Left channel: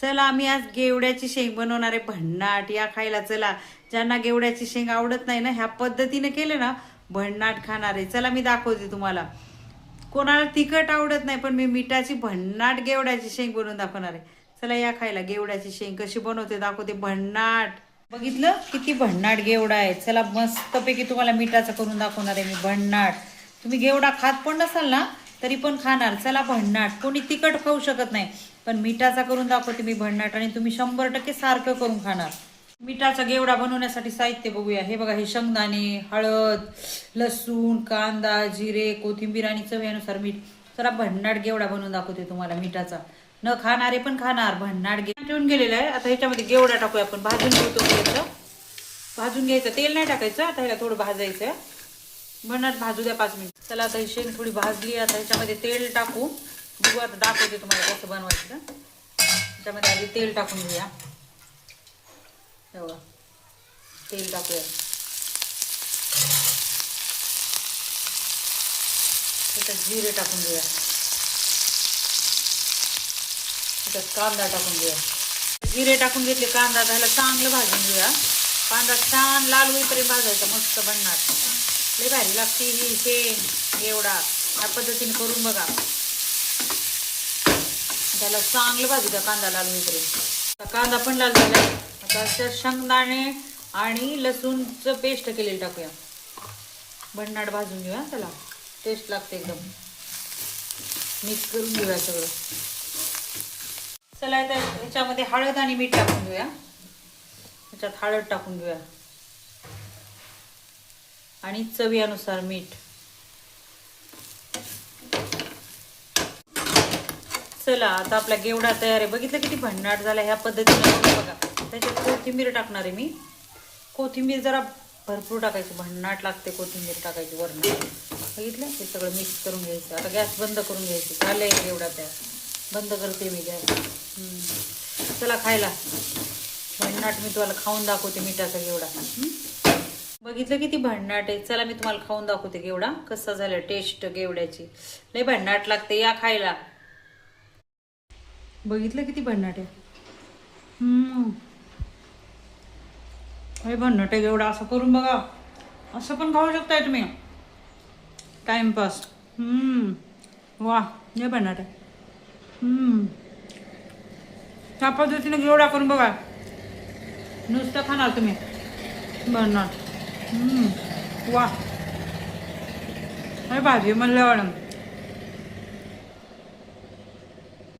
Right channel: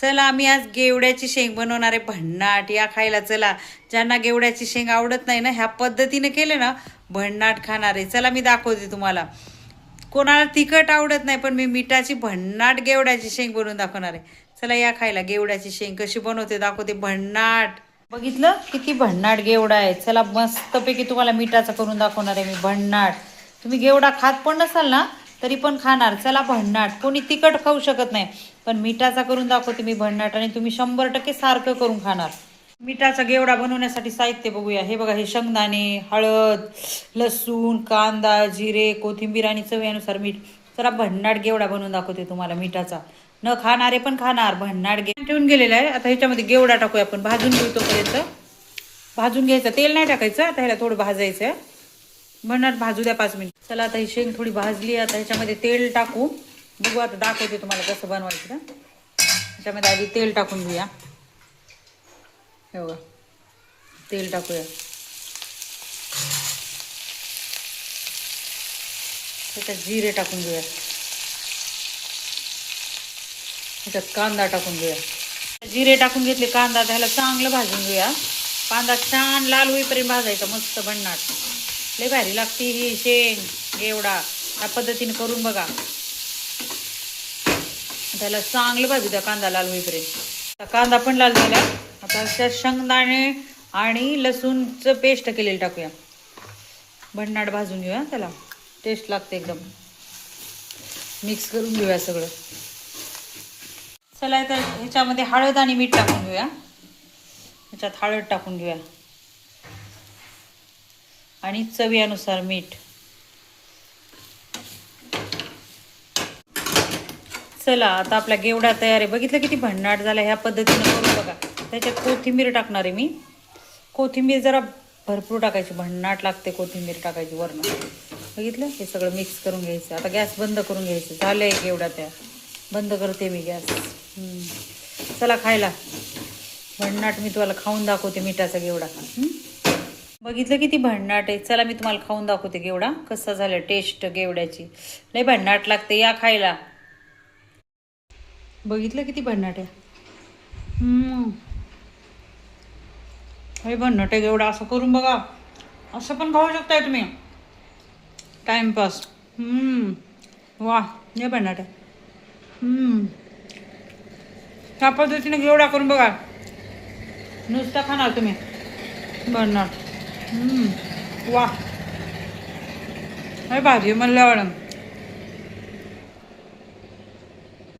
चला आम्ही आज गेवड्याची शेंग बनवणार आहे भन्नाट. या खायला चला. ज्यांना गेवड्याची शेंग आवडत नाही ना, ह्या पद्धतीने केले ना भन्नाट खाणार आहे. चला मी दाखवते तुम्हाला. कोणाला तिखट आवडत नाही, पण मी मिठाची भन्नाट गेवड्याची शेंग बनवून दाखवणार आहे. चला या खायला. गेवड्याची शेंग कशी बनवते दाखवते. भन्नाट. बघितलं किती भन्नाट गेवडा आहे. चला मस्तपैकी तुम्हाला मिठाचा करून दाखवणार आहे मी भन्नाट. तुम्ही गेवडा खात पण नसाल ना तरी पण खाणार. चला भन्नाट. कोणी तिखट खाऊ शकत नाही, पण मिठाचा करून दाखवते मी भन्नाट, आणि तुम्ही 100% सारखं करून खाणार. मिठाचा गेवडा बनवण्यासाठी साहित्य बघूया. हे बघा, हे शेंगदाणे, हळद, लसूण, कांदा, जिरे, कोथिंबीर आणि चवीनुसार मीठ. चला भन्नाट गेवडा बनवून दाखवते तुम्हाला मिठाचा. न खाणारे पण खाणार. भन्नाट ठेवून गेलेला आहे. आता ह्याच्यामध्ये गेवडा टाकूया आपण. भाजून घेतो पर्यंत. भाजून घ्यायचं, तेल नाही टाकायचं. आता ह्याला थोडं भाजायचं. भन्नाट भाजू द्या 5 मिनिट. चला आता ही शेंग थोडी भाजली. आता ह्याच्यामध्ये तेल टाकू. बघू आता दाखवते तुम्हाला कसं बनवायचं. ह्याच्यामध्ये आधी तेल टाकून घेऊया. हे बघा, तेल टाकूया. त्याच्यात जिरे टाकून घेऊया. त्याच्यात कांदा टाकून घेऊया. जिरे टाकून घेतले, कांदा त्याला चांगलं भाजून घेऊया. कांदा छान लाल होईपर्यंत भाजायचा. मस्त बनणार. लय भारी लागते ही शेंग गेवडा. या पद्धतीने करून बघा. त्याला चांगलं भाजू द्या कांदा लाल होईपर्यंत. कांदा पण लाल झाला. आता त्यात शेंगदाणे आणि लसूणचं पेस्ट केलेलं टाकूया. भन्नाट भाजून घेऊया. त्याला टेस्ट लागते एकदम. मिक्स करून घेऊया सगळं. चला तर ह्याच्यामध्ये हळद आणि मीठ टाकून घेऊया. ह्याच्यात हळद टाकून घेऊया आणि चवीनुसार मीठ. चला आता आपला गेवडा तयार आहे. बघितलं किती भन्नाट झाला. ह्या पद्धतीने करून बघा. त्याच्यात कोथिंबीर टाकणार आहे मी. कोथिंबीर जरा भरपूर टाकायची. भन्नाट लागते कोथिंबीर टाकायची वरण. बघितलं, हे सगळं मिक्स करून घ्यायचं. आता गॅस बंद करून घ्यायचं. झालंय गेवडा तयार. बंद करते मी गॅस. चला खायला. भन्नाट मी तुम्हाला खाऊन दाखवते मिठाचा गेवडा. बघितलं किती भन्नाट आहे. चला मी तुम्हाला खाऊन दाखवते गेवडा कसा झाला. टेस्ट गेवड्याची लय भन्नाट लागते. या खायला. बघितलं किती भन्नाट आहे. हे भन्नाट आहे गेवडा. असं करून बघा. असं पण खाऊ शकताय तुम्ही टाइमपास. वा, हे भन्नाट आहे. त्या पद्धतीने गेवडा करून बघा. नुसतं खाणार तुम्ही भन्नाट. वा, हे भाजी मला आवडलं.